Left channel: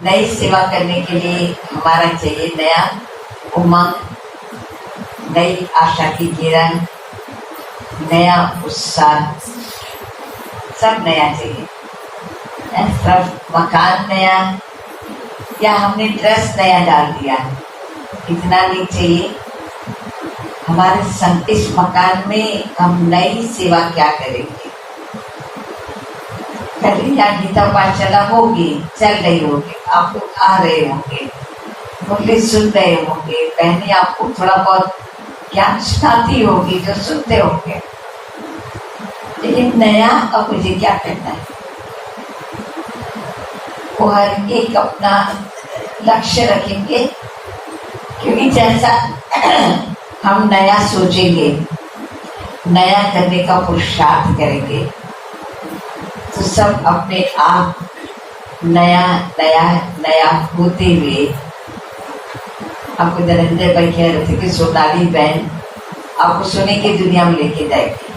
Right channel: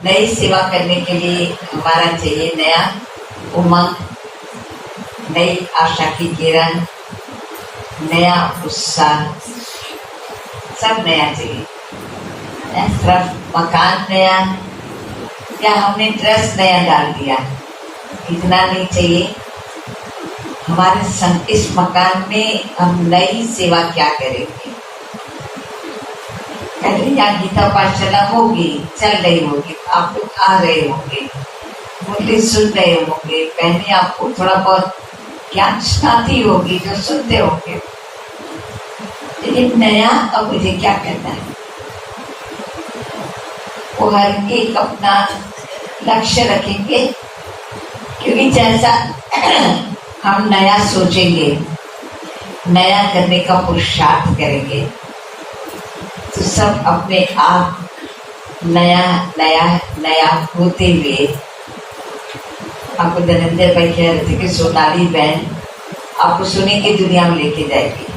नई सेवा करने के लिए हमारा चाहिए नया उमंग, नई आशा की किरण, नया उत्साह, सब नया चाहिए। सिर्फ मकान नया या हमने ड्रेस नया डाल दिया, इतना नहीं चाहिए। हमारे इस मकान में हम नई सेवा क्या करेंगे? कल या गीता पाठशाला होगी, चल रही होगी, आप लोग आ रहे होंगे, मुरली सुन रहे होंगे, बहनें आपको थोड़ा बहुत ज्ञान सुनाती होगी जो सुनते होंगे। लेकिन नया अब मुझे क्या करना है? वो हर एक अपना लक्ष्य रखेंगे, क्योंकि जैसा हम नया सोचेंगे, नया करने का पुरुषार्थ करेंगे, तो सब अपने आप नया नया नया होते हुए। आपको नरेंद्र भाई कह रहे थे कि सोनाली बहन आपको सोने की दुनिया में लेके जाएगी,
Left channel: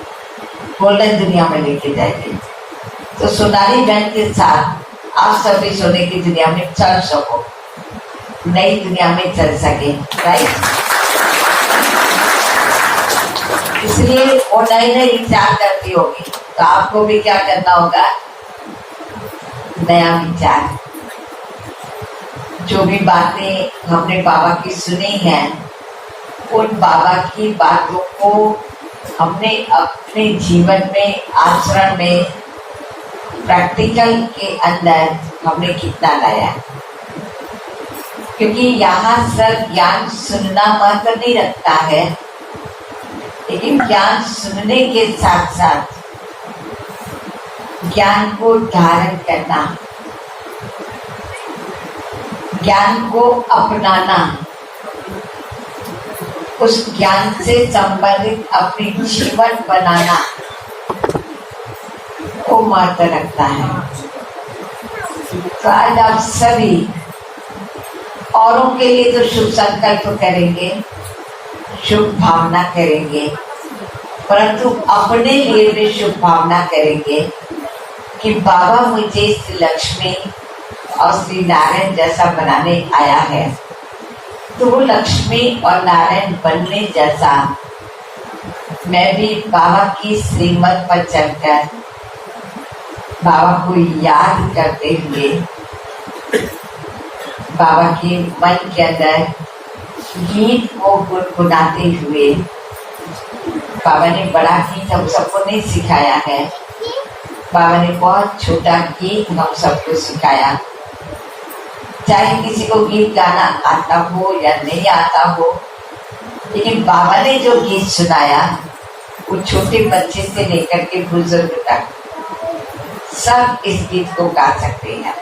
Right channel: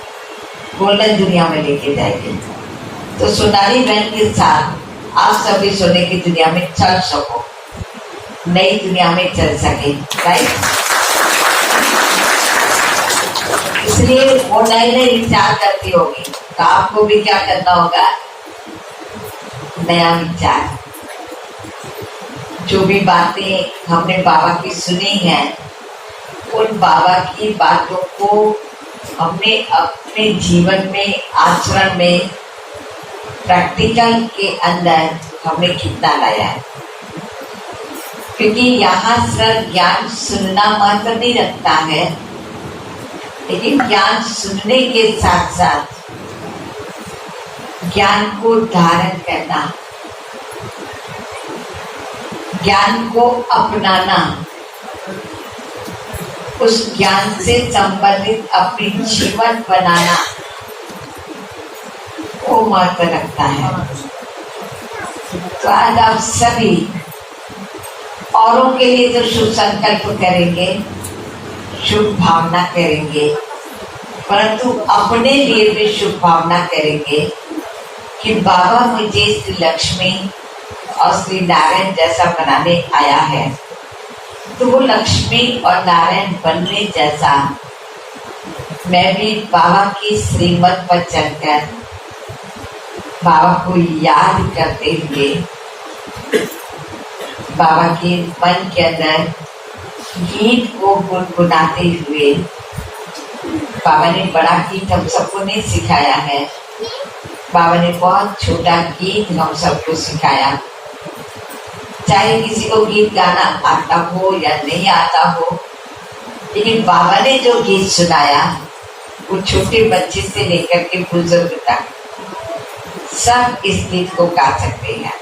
गोल्डन दुनिया में लेके जाएगी। तो सोनाली बहन के साथ आप सभी सोने की दुनिया में चल सको, नई दुनिया में चल सके, राइट? इसलिए वो नए नए विचार करती होगी, तो आपको भी क्या करना होगा? नया विचार। जो भी बातें हमने बाबा की सुनी हैं, उन बाबा की बातों को हमने अपने जीवन में, आचरण में, प्रैक्टिकल के अंदर हमने कितना लाया है। क्योंकि यहाँ सिर्फ ज्ञान सुनना मात्र नहीं रखता है, लेकिन ज्ञान सुनने के साथ साथ ज्ञान को धारण करना, ज्ञान को अपनाना, उस ज्ञान से संबंधित अपनी जीवन बनाना, वो महत्व रखता है। तो आज आप सभी औरों के लिए तो शुभ संकल्प करेंगे, शुभ भावना करेंगे, परंतु अपने लिए भी शुभ भावना करेंगे कि बाबा मुझे श्री लक्ष्मी और श्री नारायण जैसा बनाने आया है, तो वो लक्ष्मी और नारायण बनने जैसा मैं भी बाबा की श्रीमत पर चलकर बाबा को याद करते हुए, बाबा के मन के अंदर गीत को गुनगुनाते हुए। बाबा ने बड़ा गीत हम सबको नहीं सिखाया है, बाबा ने बहुत छोटा गीत हम सबको सिखाया। चाहे किसी को गीत गाना आता हो या नहीं आता हो, लेकिन बाबा ने जो गीत सुनाया वो छोटे बच्चे से लेकर के बुजुर्ग तक सब इस गीत को गा सकते हैं।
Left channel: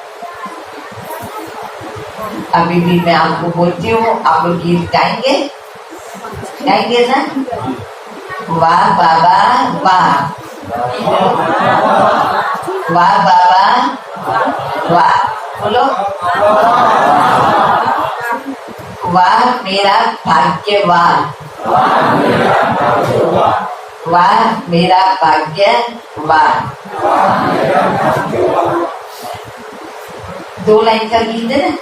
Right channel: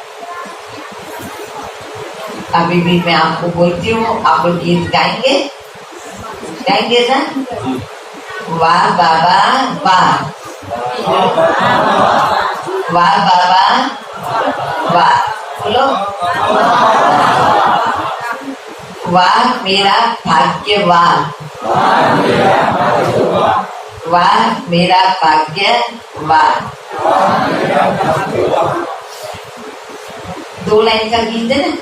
अभी भी मैं आपको बोलती हूँ, आप लोग गीत गाएंगे? गाएंगे ना? वाह बाबा वाह, वाह बाबा वाह, बोलो वाह मेरा भाग्य वाह, वाह मेरा भाग्य वाह। दो लाइन का गीत है ना,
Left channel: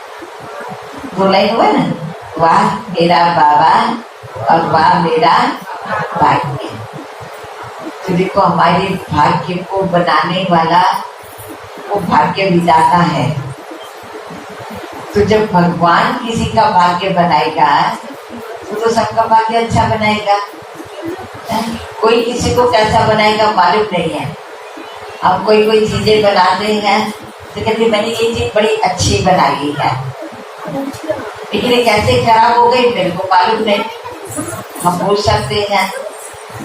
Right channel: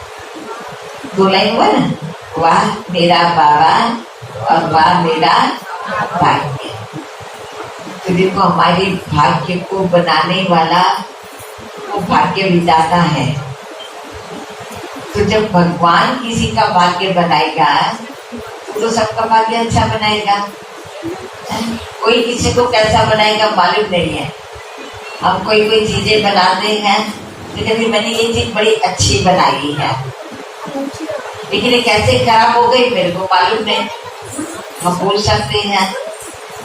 दो लाइन हुआ ना, वाह मेरा बाबा और वाह मेरा भाग्य। तो देखो हमारे भाग्य को बनाने वाला वो भाग्य विधाता है। तो जब भगवान किसी का भाग्य बनाएगा तो सबका भाग्य अच्छा बनाएगा। कोई किसी को कैसा बनाएगा मालूम नहीं है। हम कोई चीजें बनाते हैं तो कहते मैंने ये चीज बड़ी अच्छी बनाई है, लेकिन ये कैसे खराब हो गई मेरे को मालूम नहीं। हम बोल सकते हैं,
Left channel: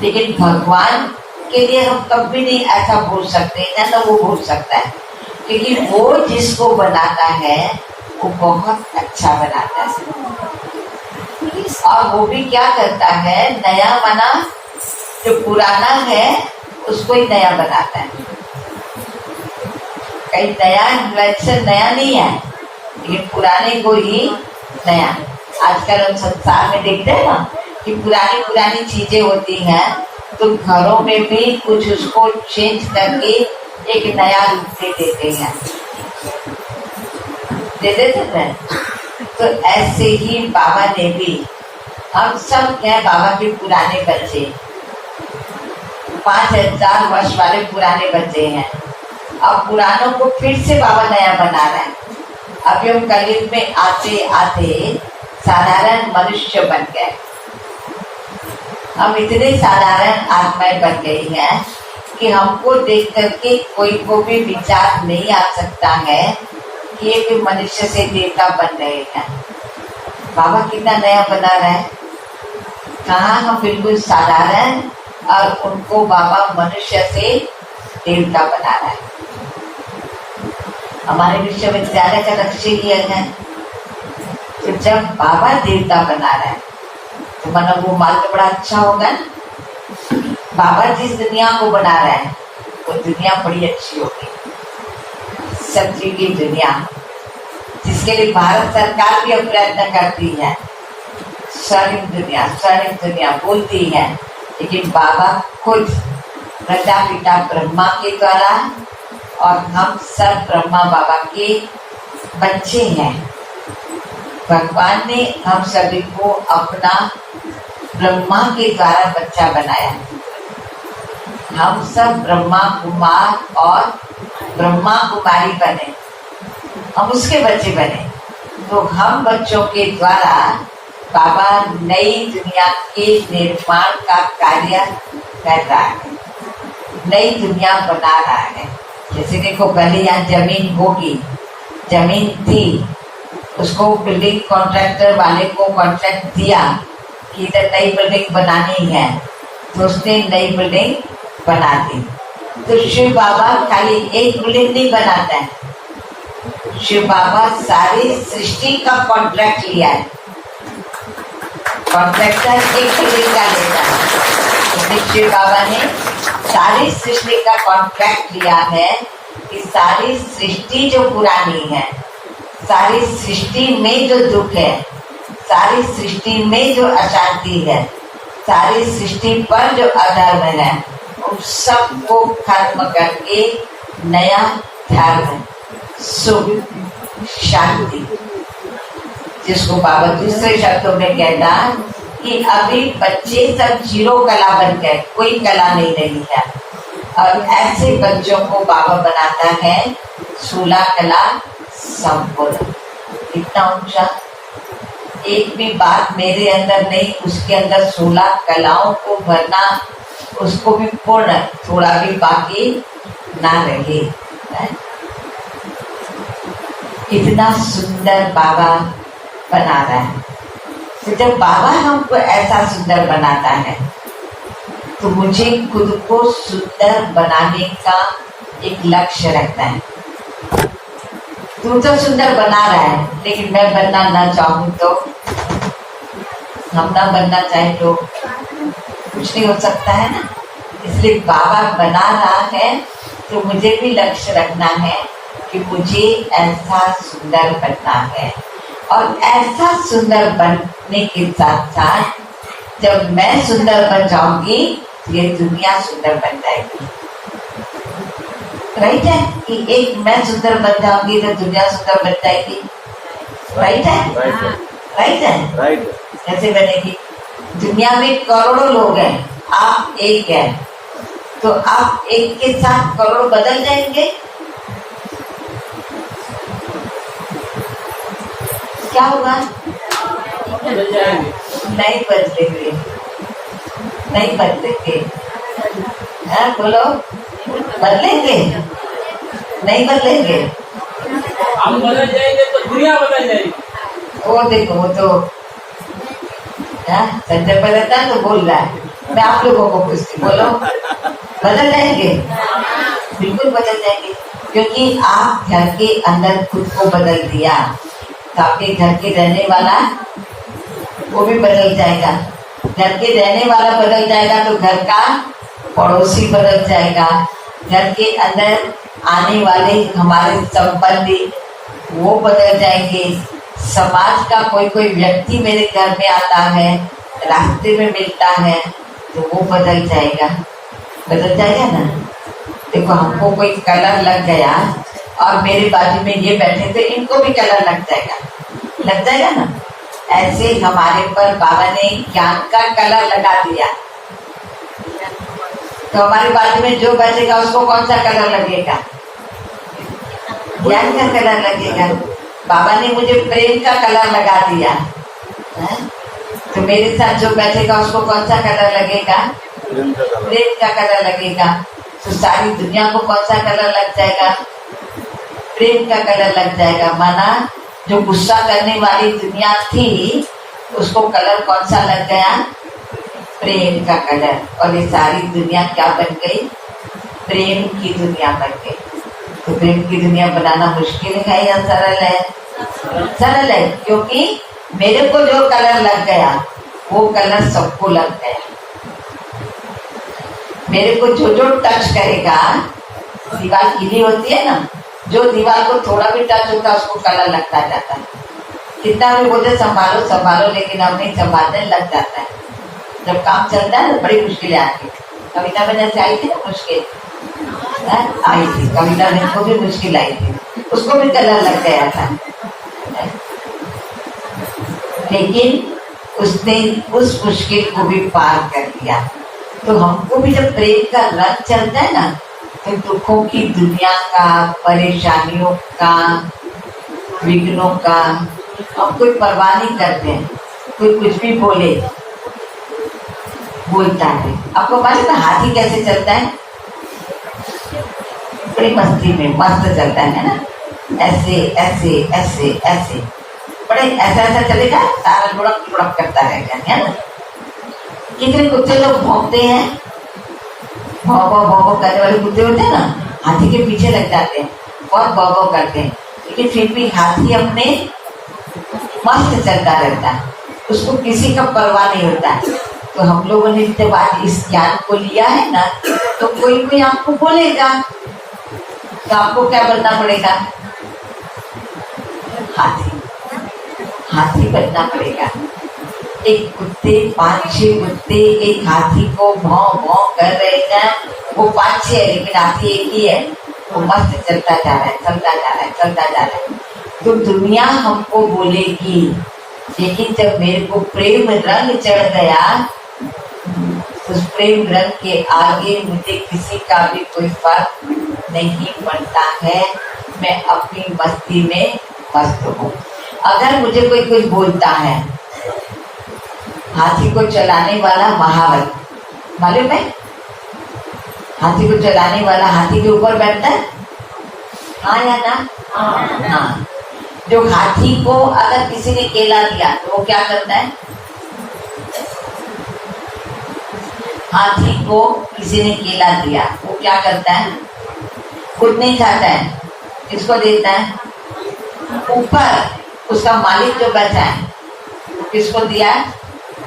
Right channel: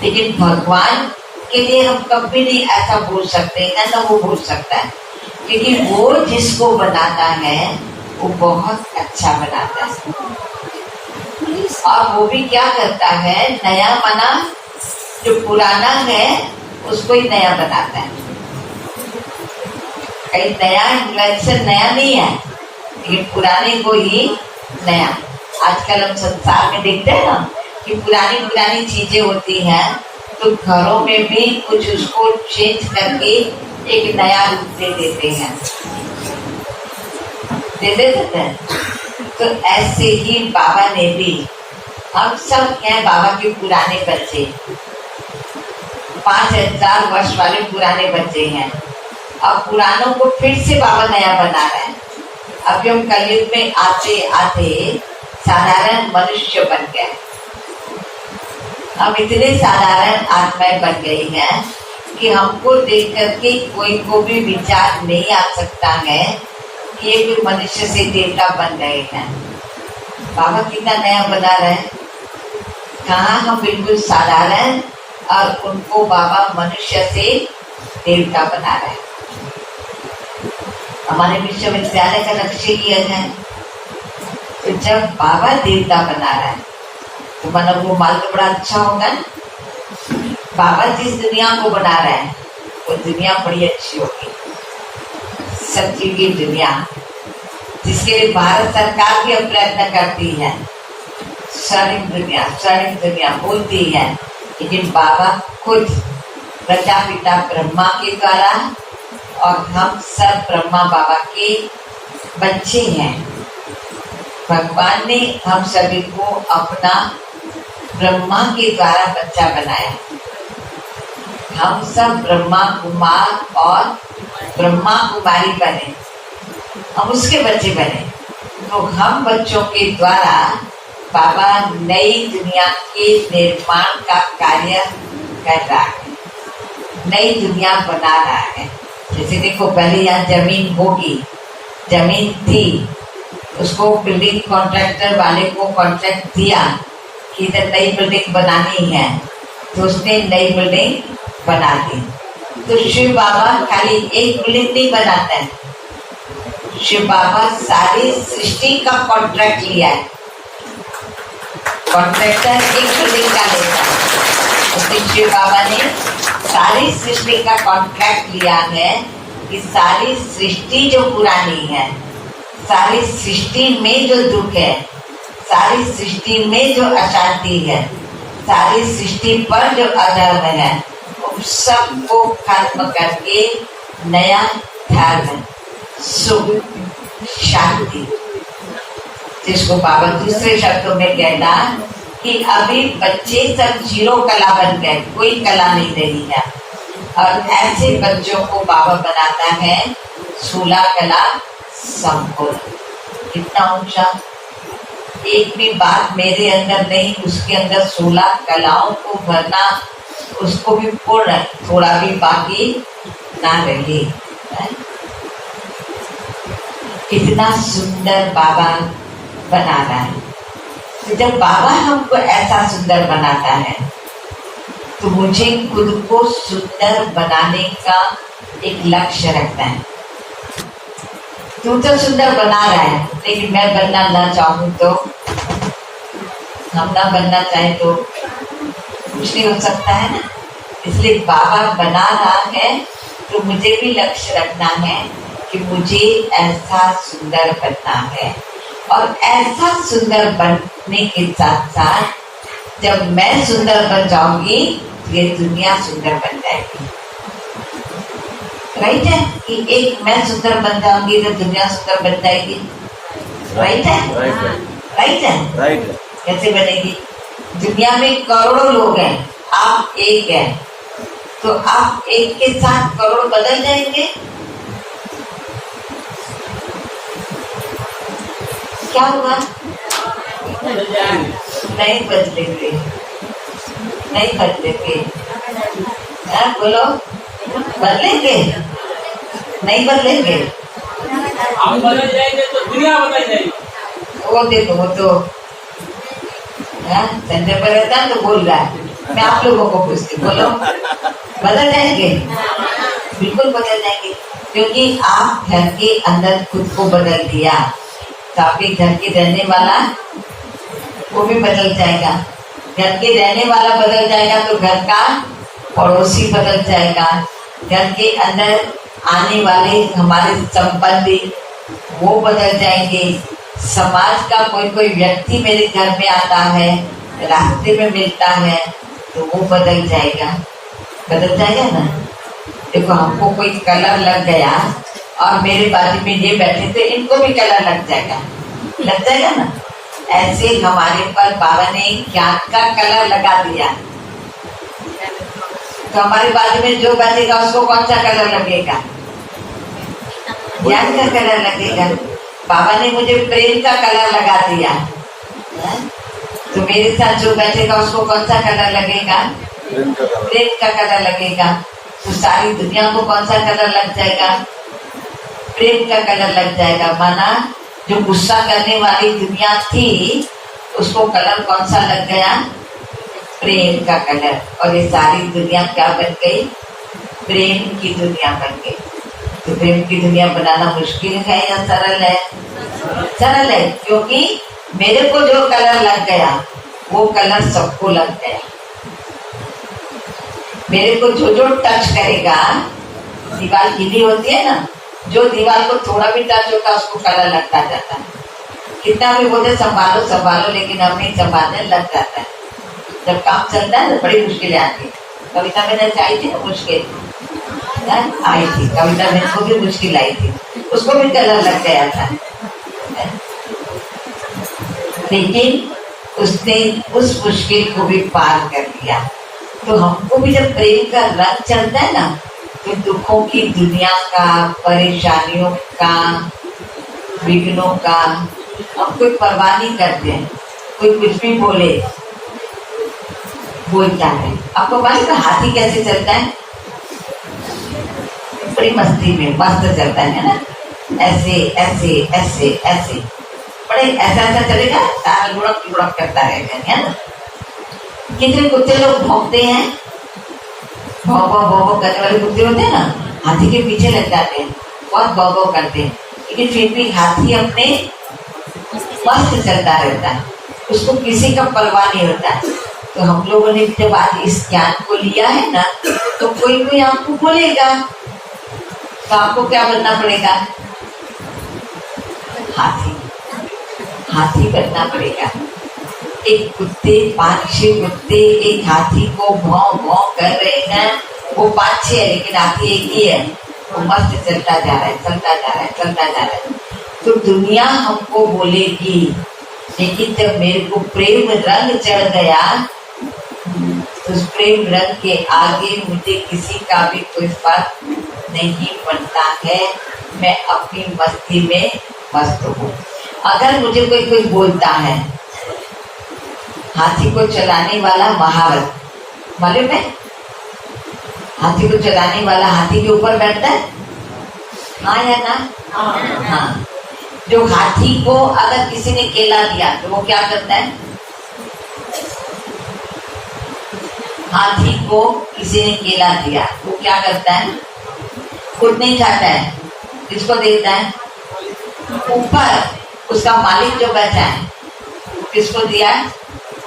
लेकिन भगवान के लिए हम कभी नहीं ऐसा बोल सकते हैं ना, वो बोल सकता है, क्योंकि वो जिसको बनाता है वो बहुत अच्छा बनाता है। और वो भी क्या करता है, नया बना जो पुराना है उसको ही नया बनाता है। कहीं नया इन्वेंशन नया नहीं है, लेकिन पुराने को ही नया। आजकल हम संसार में देखते हैं ना कि पुरानी चीजें होती हैं, तो घरों में भी कुछ उसको चेंज करके एक नया रूप दे देते हैं। दे देते हैं। तो ऐसे ही बाबा ने भी, हम सब हैं बाबा के पुराने बच्चे, 5000 वर्ष वाले पुराने बच्चे हैं। अब पुरानों को फिर से बाबा नया बना रहा है। अभी हम कलयुग में आते आते साधारण मनुष्य बन गए। हम इतने साधारण आत्माएं बन गई हैं कि हमको देख करके कोई को भी विचार नहीं आ सकता है कि ये कोई मनुष्य से देवता बन रहे हैं। बाबा कितना नया बना रहा है। कहाँ हम बिल्कुल साधारण और उनको बाबा मनुष्य से देवता बना रहा है। हमारे विश्वविद्यालय का लक्ष्य ये है। तो जब बाबा देवता बना रहा है तो मानो वो माल तो बड़ा अच्छा होगा। बाबा जिस दुनिया को बना रहा है वो दुनिया बड़ी अच्छी होगी, सच्ची की दुनिया, जिसके लिए भारत सरकार भी प्रयत्न करती है। स्वर्णिम दुनिया बोलती है, लेकिन बाबा खुद प्रजापिता ब्रह्मा के द्वारा, और हम सब ब्रह्मा बाबा के बच्चे हैं। भगवान ने हम सभी को अपना ब्रह्मा के द्वारा बच्चा बनाया। हम सब ब्रह्मा कुमार और ब्रह्मा कुमारी बने, हम उसके बच्चे बने। तो हम बच्चों के द्वारा बाबा नई दुनिया के निर्माण का कार्य कर रहा है, नई दुनिया बना रहा है। जैसे देखो, पहले यहाँ जमीन होगी, जमीन थी, उसको बिल्डिंग कॉन्ट्रैक्टर वाले को कॉन्ट्रैक्ट दिया कि इधर नई बिल्डिंग बनानी है, तो उसने नई बिल्डिंग बना दी। तो शिव बाबा खाली एक बिल्डिंग नहीं बनाता है, शिव बाबा सारी सृष्टि का कॉन्ट्रैक्ट लिया है। कॉन्ट्रैक्टर एक बिल्डिंग का लेता है, इसलिए शिव बाबा ने सारी सृष्टि का कॉन्ट्रैक्ट लिया है कि सारी सृष्टि जो पुरानी है, सारी सृष्टि में जो दुख है, सारी सृष्टि में जो अशांति है, सारी सृष्टि पर जो अधर्म है, उन सबको खत्म करके नया धर्म, सुख, शांति, जिसको बाबा दूसरे शब्दों में कहता कि अभी बच्चे सब जीरो कला बन गए, कोई कला नहीं रही है। और ऐसे बच्चों को बाबा बनाता है 16 कला संपूर्ण। कितना ऊंचा, एक भी बात मेरे अंदर नहीं, उसके अंदर 16 कलाओं को भरना, उसको भी पूर्ण, थोड़ा भी बाकी ना रहे। कितना सुंदर बाबा बना रहा है। तो जब बाबा हमको ऐसा सुंदर बनाता है तो मुझे खुद को सुंदर बनाने का एक लक्ष्य रखना है। तू तो सुंदर बना रहा है, लेकिन मैं बनना ना चाहूँ तो, हम ना बनना चाहे तो कुछ नहीं हो सकता है ना। इसलिए बाबा बना रहा है तो मुझे भी लक्ष्य रखना है कि मुझे ऐसा सुंदर बनना है। और ऐसा सुंदर बनने के साथ साथ जब मैं सुंदर बन जाऊंगी, ये दुनिया सुंदर बन जाएगी। राइट है कि एक मैं सुंदर बन जाऊंगी तो दुनिया सुंदर बन जाएगी। राइट है, राइट है, राइट है। कैसे बनेगी? दुनिया में करोड़ों लोग हैं, आप एक हैं, तो आप एक के साथ करोड़ बदल जाएंगे। क्या होगा? नहीं बदलेंगे, नहीं बदलेंगे। बोलो, बदलेंगे? नहीं बदलेंगे। हम बदल जाएंगे तो दुनिया बदल जाएगी। वो देखो, वो तो संजय परेशान तो बोल रहा है, मैं आप लोगों को पूछती, बोलो बदल जाएंगे? बिल्कुल बदल जाएंगे, क्योंकि आप घर के अंदर खुद को बदल दिया तो आपके घर के रहने वाला वो भी बदल जाएगा। घर के रहने वाला बदल जाएगा तो घर का पड़ोसी बदल जाएगा। घर के अंदर आने वाले हमारे संबंधी वो बदल जाएंगे। समाज का कोई कोई व्यक्ति मेरे घर में आता है, रास्ते में मिलता है, तो वो बदल जाएगा। बदल जाएगा ना। देखो, हमको कोई कलर लग गया और मेरे बाजू में ये बैठे थे, इनको भी कलर लग जाएगा ना। ऐसे हमारे पर बाबा ने ज्ञान का कलर लगा दिया, तो हमारे बाजू में जो बैठेगा उसको कौन सा कलर लगेगा? ज्ञान का कलर लगेगा। बाबा ने मुझे प्रेम का कलर लगा दिया है? तो मेरे साथ जो बैठेगा उसको कौन सा कलर लगेगा? प्रेम का कलर लगेगा। तो सारी दुनिया को कौन सा कलर लग जाएगा? प्रेम का कलर लग जाएगा। माना जो गुस्सा करने वाली दुनिया थी उसको कलर कौन सा लग गया? प्रेम का कलर। और ये सारी दुनिया क्या बन गई? प्रेम की दुनिया बन गई। तो प्रेम की दुनिया बनाना मुश्किल है या सरल है? सरल है, क्योंकि मेरे को जो कलर लग गया वो कलर सबको लग गया। मेरे को जो जो टच करेगा, दीवार गीली होती है ना, जो दीवार को थोड़ा भी टच होता है उसको कलर लगता जाता है। कितना भी बोलते संभालो संभालो, लेकिन हम नहीं संभालने लग जाता है। जब काम चलता है तो बड़ी मुश्किलें आती है। कविता मैंने आई थी ना, मुश्किल आई थी, कविता बहन को भी मुश्किल आई थी, उसको भी कलर लग गया था, लेकिन उसने उस मुश्किल को भी पार कर लिया। तो हमको भी जब प्रेम का रंग चलता है ना, तो दुखों की दुनिया का, परेशानियों का, विघ्नों का हम कोई परवाह नहीं करते हैं। कोई कुछ भी बोलता है। आपको मालूम है हाथी कैसे चलता है? बड़ी मस्ती में मस्त चलता है ना, ऐसे ऐसे ऐसे ऐसे, बड़े ऐसा चलेगा, सारा लुढ़क करता रहेगा, है ना। कितने कुत्ते लोग भौंकते हैं, भौं करने वाले कुत्ते होते हैं ना, हाथी के पीछे लग जाते हैं, बहुत भौं करते हैं, लेकिन फिर भी हाथी अपने मस्त चलता रहता है, उसको किसी का परवाह नहीं होता है। तो हम लोगों ने जब आज इस ज्ञान को लिया है ना, तो कोई आपको बोलेगा तो आपको क्या बनना पड़ेगा? हाथी बनना पड़ेगा। एक कुत्ते, 5-6 कुत्ते एक हाथी को भौं कर रहे हैं, वो 5-6 है लेकिन हाथी एक ही है, वो मस्त चलता जा रहा है। तो दुनिया हमको बोलेगी, लेकिन जब मेरे को प्रेम रंग चढ़ गया, तो उस प्रेम रंग के आगे मुझे किसी का भी कोई फर्क नहीं पड़ता है। मैं अपनी मस्ती में मस्त हूँ। अगर मुझे कोई कुछ बोलता है, हाथी को चलाने वाला महावत, मालूम है? हाथी को चलाने वाला हाथी के ऊपर बैठता है, हाँ या ना? हाँ। जो हाथी को अगर किसी ने केला दिया तो वो क्या करता है? हाथी को किसी ने केला दिया, वो क्या करता है? खुद नहीं खाता है, किसको देता है? ऊपर उसका मालिक जो बैठा है, किसको दिया?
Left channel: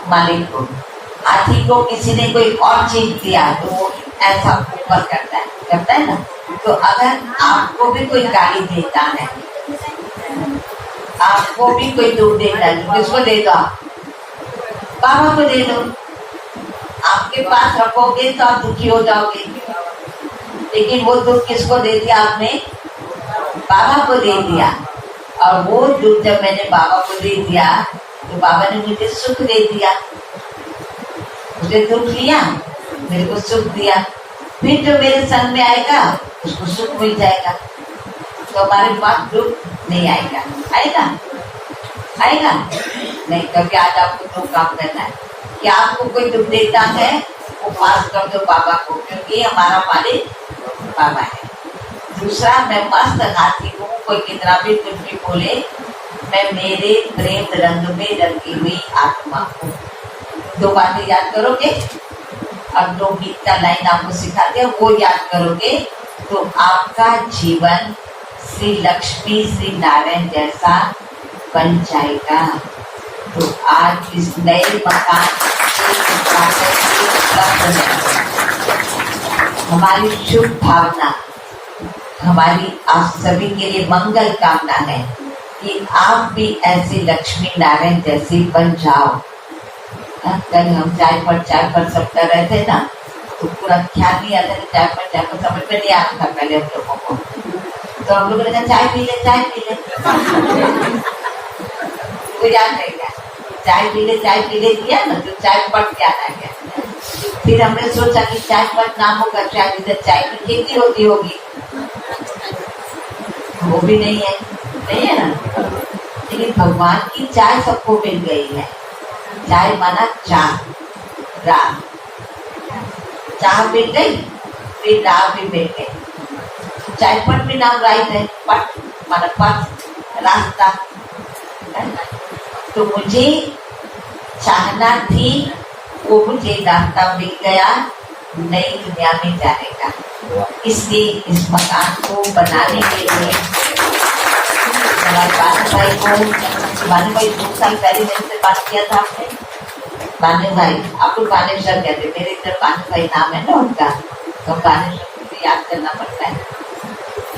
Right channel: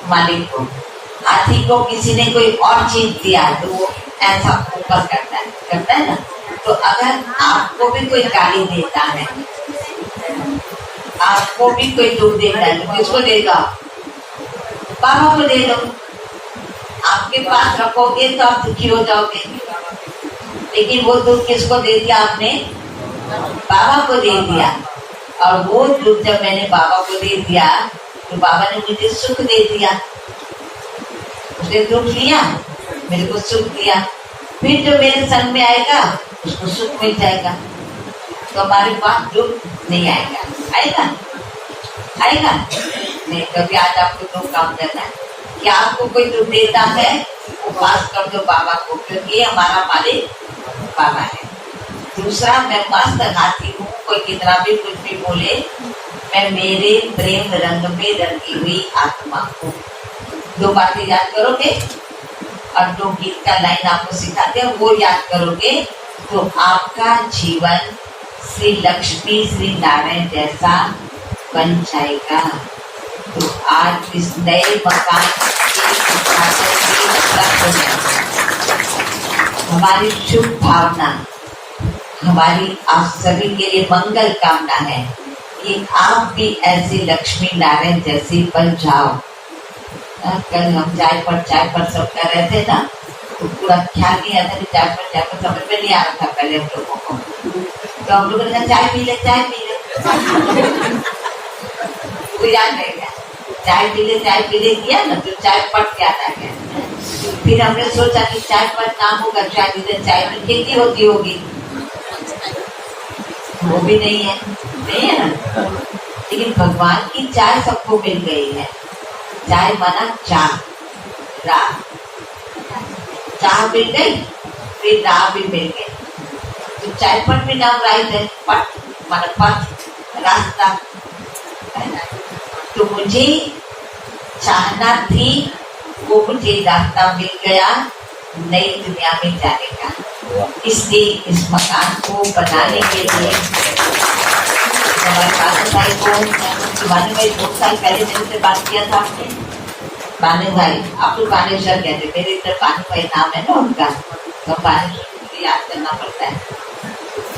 मालिक को। हाथी को किसी ने कोई और चीज दिया तो वो ऐसा ऊपर करता है ना। तो अगर आपको भी कोई गाली देता है, आपको भी कोई दुख देता है, तो किसको दे दो? बाबा को दे दो। आपके पास रखोगे तो आप दुखी हो जाओगे, लेकिन वो दुख किसको दे दिया आपने? बाबा को दे दिया। और वो दुख जब मैंने बाबा को दे दिया, तो बाबा ने मुझे सुख दे दिया। उसने दुख लिया, मेरे को सुख दिया। फिर जो मेरे संग में आएगा उसको सुख मिल जाएगा। तो हमारे पास दुख नहीं आएगा। आएगा नहीं। कभी आज आपको दुख काम करना है कि आपको कोई दुख देता है, वो पास कर दो बाबा को, क्योंकि हमारा मालिक बाबा है। दूसरा, मैं मस्त हाथी हूँ, कोई कितना भी कुछ भी बोले, मैं मेरे प्रेम रंग में रंगी हुई आत्मा हूँ। 2 बातें याद करोगे और 2 गीत का लाइन आपको सिखाते हैं, वो याद करोगे तो आपका जीवन श्री लक्ष्मी श्री नारायण जैसा बन जाएगा। तो आज इस नए मकान हमारी शुभ भावना, हमारी आप सभी के लिए मंगल कामना है कि आप भी ऐसे लक्ष्मी नारायण जैसे बन जाओ। कल हम चाय पर सब कर रहे थे ना, तो पूरा ख्याल नहीं आता कि चाय पर समझ में नहीं आ रहा था कल हम लोगों को। तो हम लोगों ने कहा चाय पी ले, चाय पी ले। वो याद है क्या? चाय पी ले किया ना तो चाय पट के आता है। फिर हमने सोचा कि चाय पट नाम होगा, शायद इधर चाय की खेती होती होगी। वो भी नहीं है, नहीं है ना। लेकिन भगवान की चाय सबको मिल गई है। चाय माना चाह, राह, चाह मिल गई, फिर राह भी मिल गई। तो चाय पट भी नाम राइट है, पट माना पथ, रास्ता, है ना। तो मुझे चाहना थी, वो मुझे रास्ता मिल गया नई दुनिया में जाने का। इसलिए इस मकान को बनाने के लिए हमारे बानू भाई 2 साल पहले मेरे से बात किया था आपने। बानू भाई, आप लोग बानेश्वर कहते, मेरे इधर बानू भाई नाम है ना उनका, तो बानेश्वर मुझे याद करना पड़ता है।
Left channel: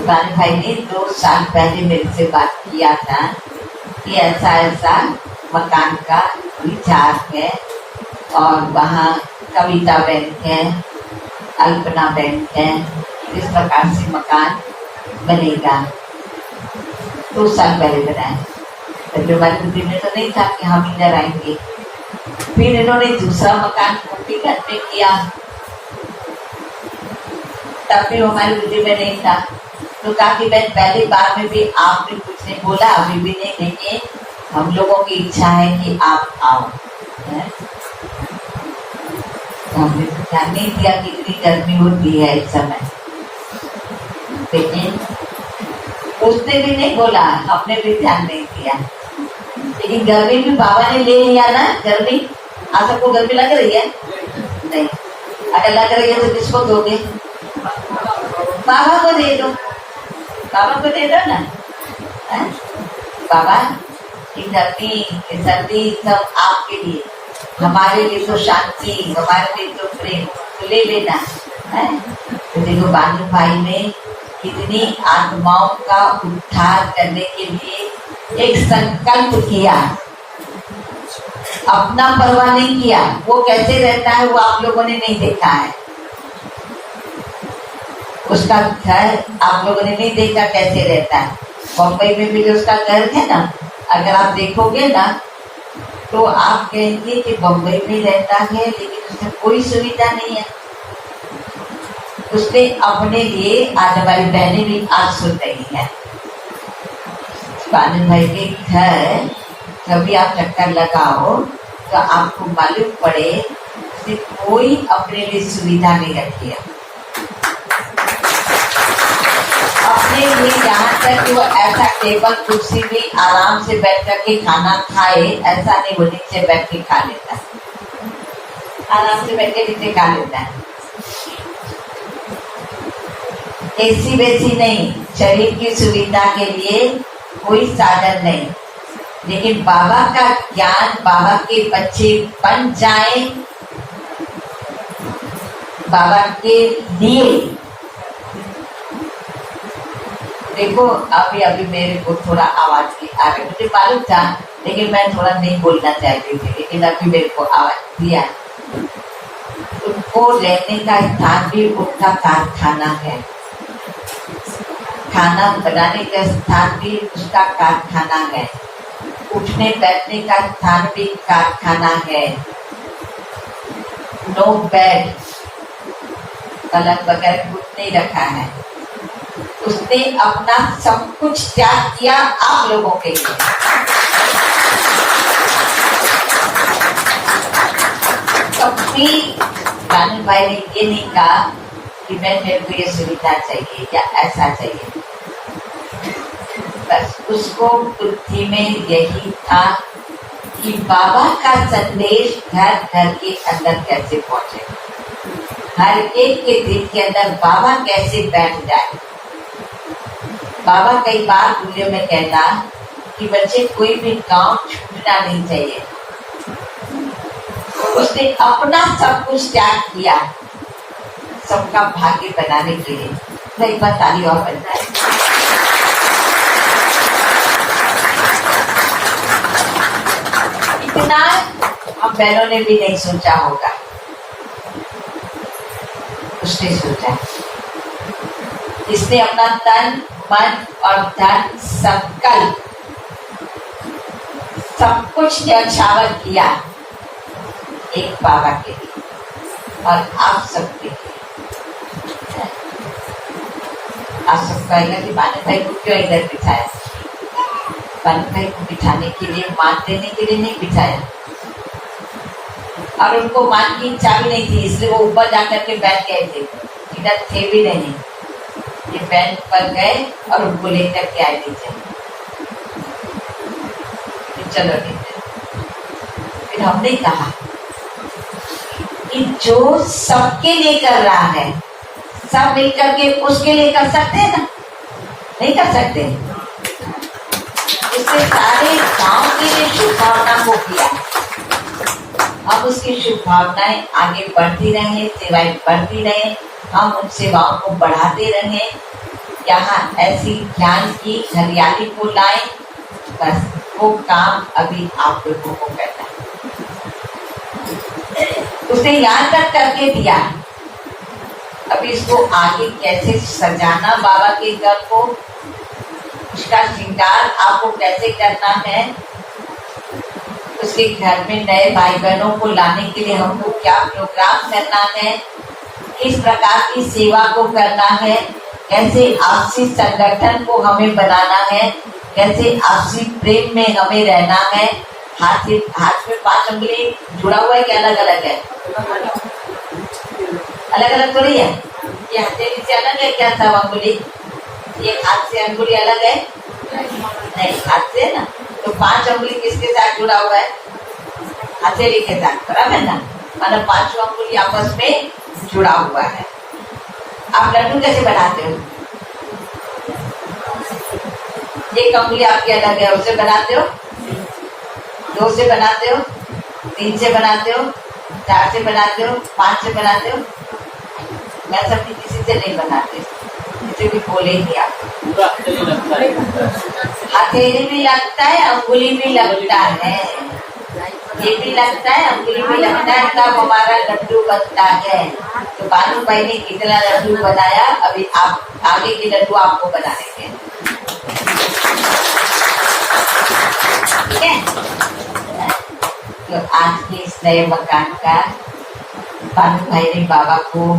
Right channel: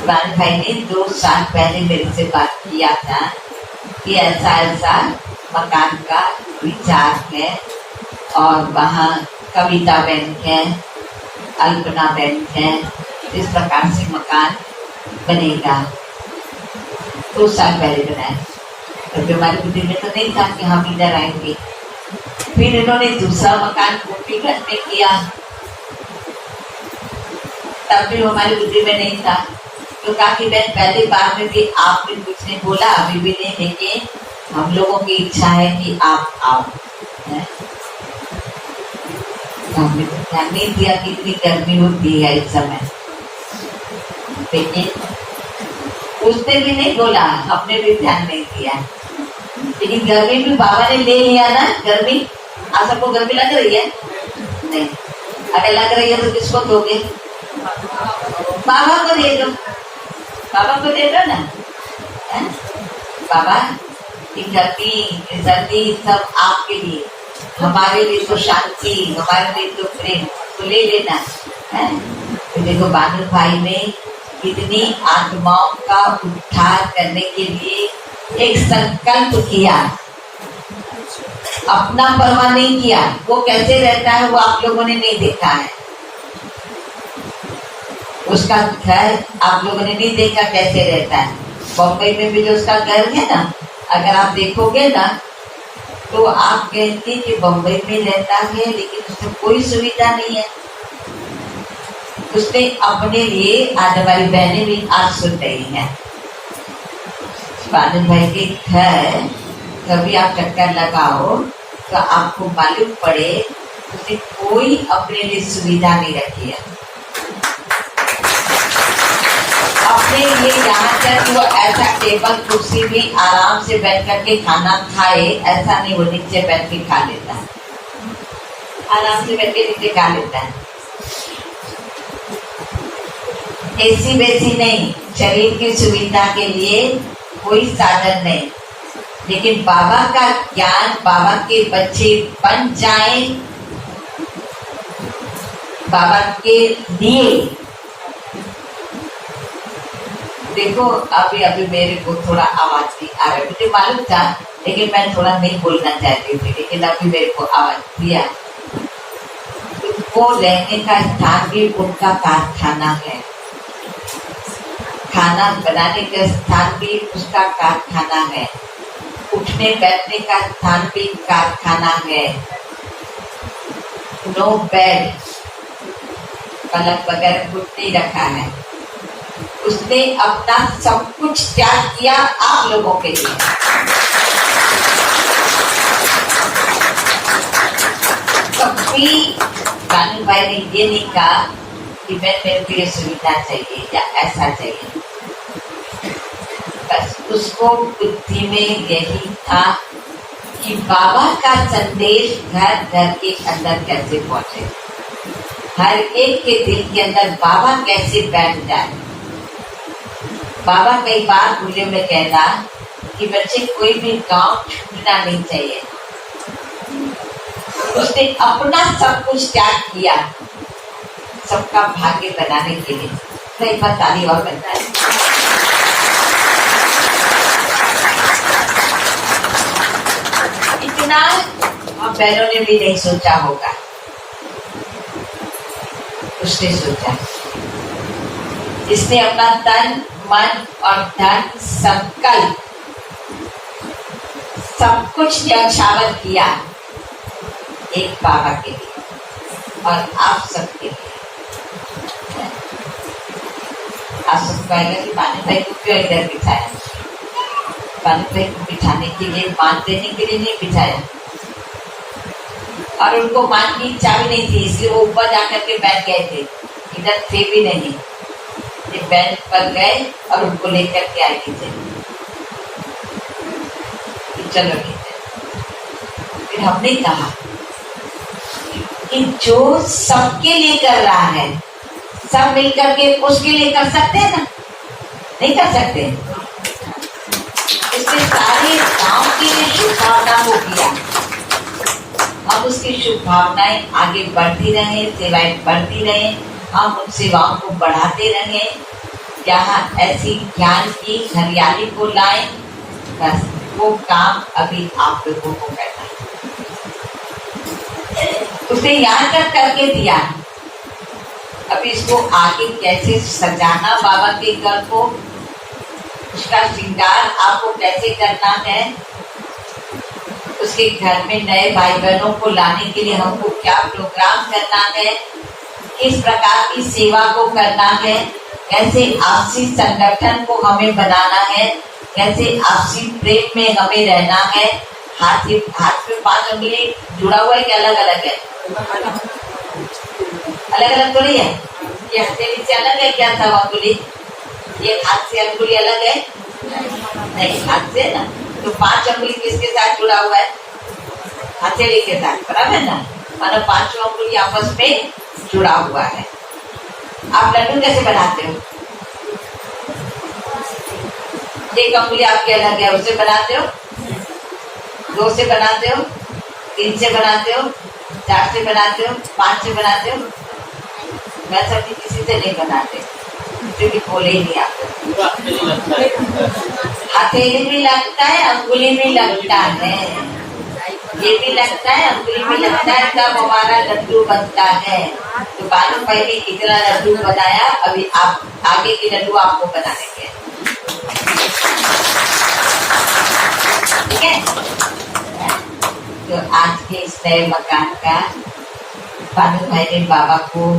बानू भाई ने 2 साल पहले मेरे से बात किया था कि ऐसा ऐसा मकान का विचार है और वहाँ कविता बैंक है, अल्पना बैंक है, इस प्रकार से मकान बनेगा। 2 साल पहले बनाया, तब हमारी बुद्धि में तो नहीं था कि हम इधर आएंगे। फिर इन्होंने दूसरा मकान गोपीगंज में किया, तब भी हमारी बुद्धि में नहीं था। तो काफी बहन पहली बार में भी आपने कुछ नहीं बोला, अभी भी नहीं, लेकिन हम लोगों की इच्छा है कि आप आओ। हमने तो ध्यान नहीं दिया कि इतनी गर्मी होती है इस समय, लेकिन उसने भी नहीं बोला, हमने भी ध्यान नहीं दिया। लेकिन गर्मी भी बाबा ने ले लिया ना। गर्मी, आज सबको गर्मी लग रही है? नहीं। अगर लग रही है तो किसको दोगे? बाबा को दे दो, बाबा को दे दो ना। बाबा ये गर्मी, ये सर्दी सब आपके लिए, हमारे लिए तो शांति, हमारे लिए तो प्रेम, तो ले लेना है। तो देखो बानू भाई ने कितनी आत्माओं का उद्धार करने के लिए एक संकल्प किया, अपना परवाह नहीं किया। वो कैसे रहता है वो आप लोगों ने नहीं देखा है, उसका घर आप लोगों ने नहीं देखा कैसे रहता है। बम्बई में भी जो उसका घर है ना, अगर आप देखोगे ना तो आप कहेंगे कि बम्बई में रहता है लेकिन उसमें कोई सुविधा नहीं है। उसने अपने लिए, आज हमारी बहनें भी आज सुन रही है, आनंद भाई के घर कभी आप चक्कर लगाओ तो आपको मालूम पड़े उसने कोई अपने लिए सुविधा नहीं रखी है। अपने लिए यहाँ तक कि वो ऐसा टेबल कुर्सी भी आराम से बैठ करके खाना खाए, ऐसा नहीं, वो नीचे बैठ के खा लेता है, आराम से बैठ के नीचे खा लेता है। एसी वैसी नहीं, शरीर की सुविधा के लिए कोई साधन नहीं। लेकिन बाबा का ज्ञान, बाबा के बच्चे बन जाए, बाबा के लिए। देखो अभी अभी मेरे को थोड़ा आवाज भी आ रहा है, मुझे मालूम था लेकिन मैं थोड़ा नहीं बोलना चाहती थी, लेकिन अभी मेरे को आवाज दिया। उनको रहने का स्थान भी उनका कारखाना है, खाना बनाने का स्थान भी उसका कारखाना है, उठने बैठने का स्थान भी कारखाना है। नो बेड, पलक वगैरह कुछ नहीं रखा है। उसने अपना सब कुछ त्याग किया आप लोगों के लिए। कभी कानून भाई ने ये नहीं कहा कि मेरे को ये सुविधा चाहिए या ऐसा चाहिए, बस उसको बुद्धि में यही था कि बाबा का संदेश घर घर के अंदर कैसे पहुंचे, हर एक के दिल के अंदर बाबा कैसे बैठ जाए। बाबा कई बार भूले में कहता कि बच्चे कोई भी गांव छूटना नहीं चाहिए। उसने अपना सब कुछ त्याग किया सबका भाग्य बनाने के लिए। कई बार ताली और बनता है। इतना हम बहनों ने भी नहीं सोचा होगा, उसने सोचा। इसने अपना तन मन और धन संकल्प सब कुछ न्यौछावर किया एक बाबा के लिए और आप सबके लिए। आप सब कहेंगे कि मानव भाई को क्यों इधर बिठाया? मानव भाई को बिठाने के लिए, मान देने के लिए नहीं बिठाया, और उनको मान की इच्छा भी नहीं थी, इसलिए वो ऊपर जाकर के बैठ गए थे। इधर थे भी नहीं, ये बैंड पर गए और उनको लेकर के आए थे। चलो ठीक है। फिर हमने कहा कि जो सबके लिए कर रहा है, सब मिलकर के उसके लिए कर सकते हैं ना? नहीं कर सकते? इससे सारे गांव के लिए शुभ भावना को किया। हम उसकी शुभ भावनाएं आगे बढ़ती रहे, सेवाएं बढ़ती रहे, हम उन सेवाओं को बढ़ाते रहे, यहाँ ऐसी ज्ञान की हरियाली को लाए। बस वो काम अभी आप लोगों को करना है। उसने यहाँ तक करके दिया, अभी इसको आगे कैसे सजाना बाबा के घर को, उसका श्रृंगार आपको कैसे करना है, उसके घर में नए भाई बहनों को लाने के लिए हमको क्या प्रोग्राम करना है, किस प्रकार की सेवा को करना है, कैसे आपसी संगठन को हमें बनाना है, कैसे आपसी प्रेम में हमें रहना है। हाथ में 5 उंगली जुड़ा हुआ है कि अलग अलग है? अलग अलग थोड़ी है। ये हथेली से अलग है क्या था उंगली? ये हाथ से अंगुली अलग है? नहीं, हाथ से ना। तो 5 उंगली किसके साथ जुड़ा हुआ है? हथेली के साथ, बराबर ना? मतलब 5 उंगली आपस में जुड़ा हुआ है। आप लड्डू कैसे बनाते हो? एक अंगुली आपके अलग है, उससे बनाते हो? 2 से बनाते हो? 3 से बनाते हो? 4 से बनाते हो? 5 से बनाते हो? मैं सबकी किसी से नहीं बनाते, किसी भी बोले ही नहीं आपको। पूरा हथेली लगता है, हथेली भी लगता है, अंगुली भी लगता है, ये भी लगता है, अंगुली भी लगता है, तब हमारा लड्डू बनता है। तो बालू भाई ने कितना लड्डू बनाया, अभी आप आगे के लड्डू आपको बनाएंगे, ठीक है? तो आज के इस नए मकान का बालू भाई ने बाबा को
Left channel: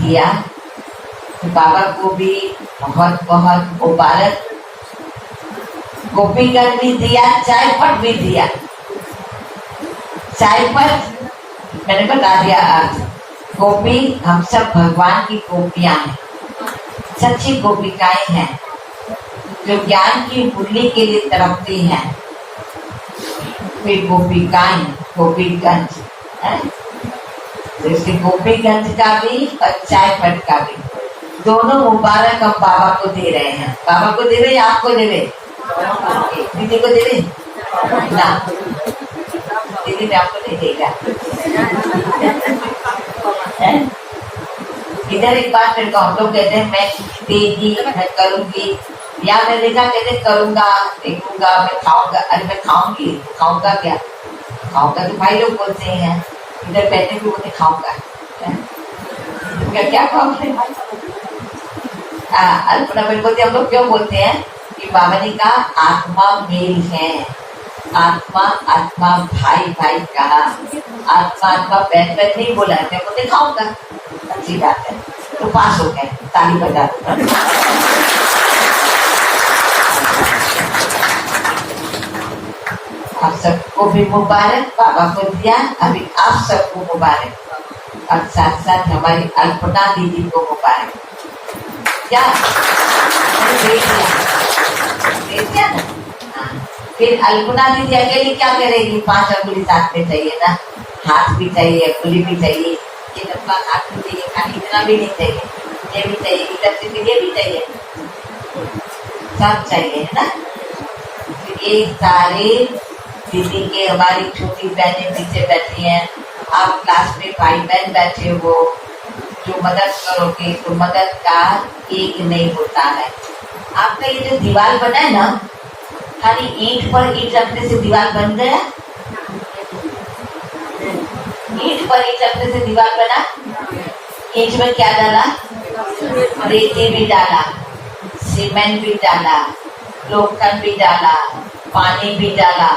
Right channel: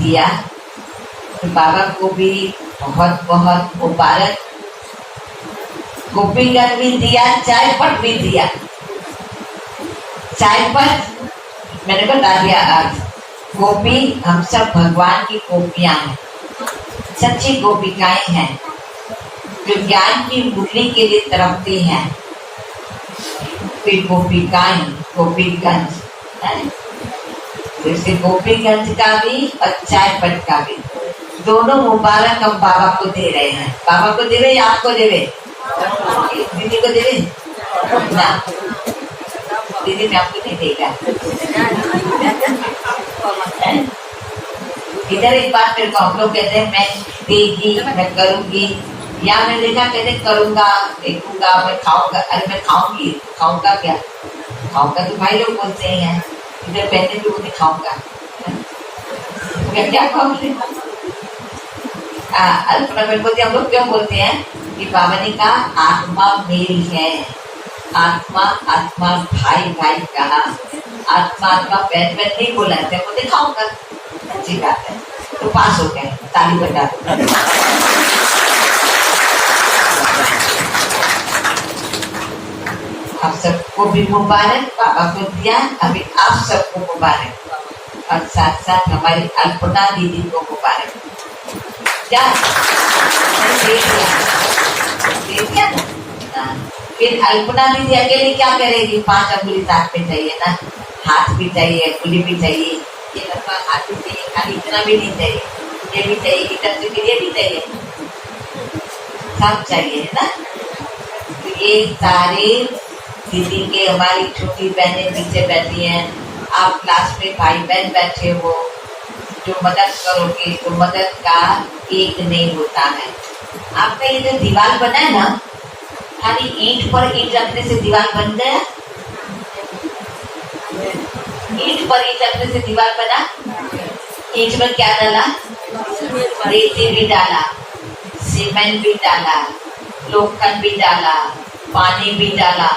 दिया, तो बाबा को भी बहुत बहुत मुबारक। गोपीगढ़ भी दिया, चायपट भी दिया। चायपट मैंने बता दिया आज, गोपी हम सब भगवान की गोपियां हैं, सच्ची गोपिकाएं हैं, जो ज्ञान की मुरली के लिए तड़पती हैं। फिर गोपिकाएं, गोपीगंज है, जैसे गोपीगंज का भी और चायपट का भी, दोनों मुबारक हम बाबा को दे रहे हैं। बाबा को देवे या आपको देवे? दीदी को देवे ना? दीदी में आपको नहीं देगा। इधर एक बात मेरे को हम लोग कहते हैं, मैं देगी, मैं करूंगी, या मैं देखा कहते करूंगा, देखूंगा, मैं खाऊंगा। अरे मैं खाऊंगी, खाऊंगा क्या? खाऊंगा तो भाई लोग बोलते हैं, इधर कहते भी मुझे खाऊंगा, मैं क्या खाऊंगी? अल्पना बेलपति हम लोग क्यों बोलते हैं कि बाबा ने कहा आत्मा मेल है, आत्मा आत्मा भाई भाई का, आत्मा आत्मा बहन बहन नहीं बोला है, मैं को दिखाऊंगा। अच्छी बात है, तो पास हो गए, ताली बजा दो। आप सबको भी मुबारक, बाबा को दिया, अभी आप सबको मुबारक, और साथ साथ हमारी अल्पना दीदी को मुबारक। क्या दे दिया ना? फिर अल्पना दीदी अकेली क्या करेगी? 5 अंगुली साथ में चाहिए ना, हाथ भी चाहिए, अंगुली भी चाहिए, ये लंबा हाथ भी चाहिए, खाली इतना भी नहीं चाहिए, ये भी चाहिए, इधर से फिर ये भी चाहिए, सब चाहिए है ना? तो ये सारे दीदी के, हमारी छोटी बहनें पीछे बैठी हैं, आप क्लास में भाई बहन बैठे हो, जो मदद करोगे तो मदद का एक नहीं होता है। आपका ये जो दीवार बना है ना, खाली ईंट पर ईंट रखने से दीवार बन गया? ईंट पर ईंट रखने से दीवार बना? ईंट में क्या डाला? रेते भी डाला, सीमेंट भी डाला, लोखंड भी डाला, पानी भी डाला,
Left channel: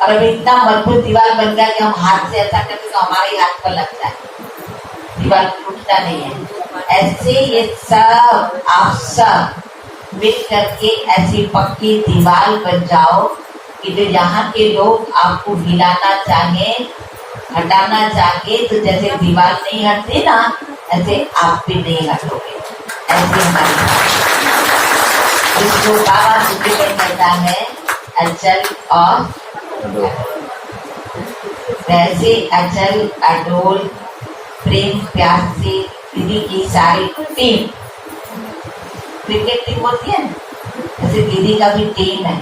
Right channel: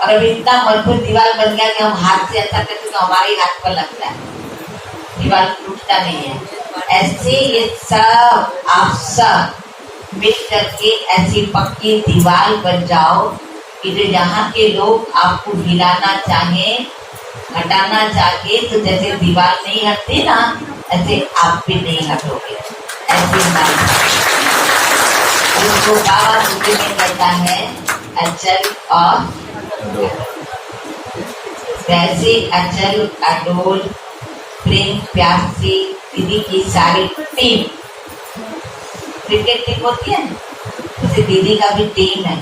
और अब इतना मजबूत दीवार बन गया कि हम हाथ से ऐसा करते तो हमारे हाथ पर लगता है, दीवार टूटता नहीं है। ऐसे ये सब आप सब मिल करके ऐसी पक्की दीवार बन जाओ कि जो यहाँ के लोग आपको हिलाना चाहे, हटाना चाहे, तो जैसे दीवार नहीं हटती ना, ऐसे आप भी नहीं हटोगे। ऐसे हमारे इसको बाबा सूत्र में कहता है अचल और वैसे अचल अडोल प्रेम प्यार से दीदी की सारी टीम, क्रिकेट टीम होती है जैसे दीदी का भी टीम है,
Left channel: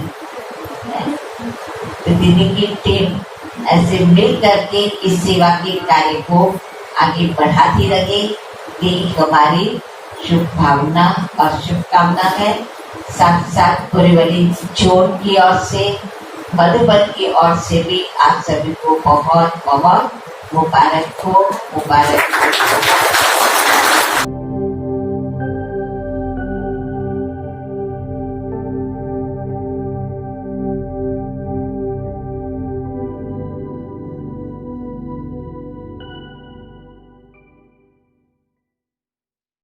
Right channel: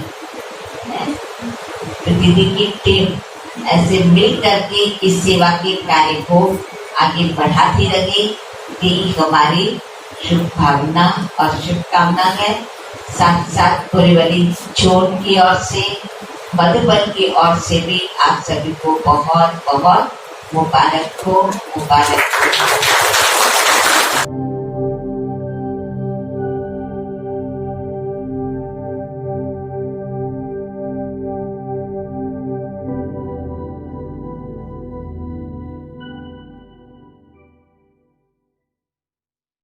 तो दीदी की टीम ऐसे मिल करके इस सेवा के कार्य को आगे बढ़ाती रहे, यही हमारी शुभ भावना और शुभकामना है। साथ साथ पुरवली जोन की ओर से, मधुबन की ओर से भी आप सभी को बहुत बहुत मुबारक हो, मुबारक हो।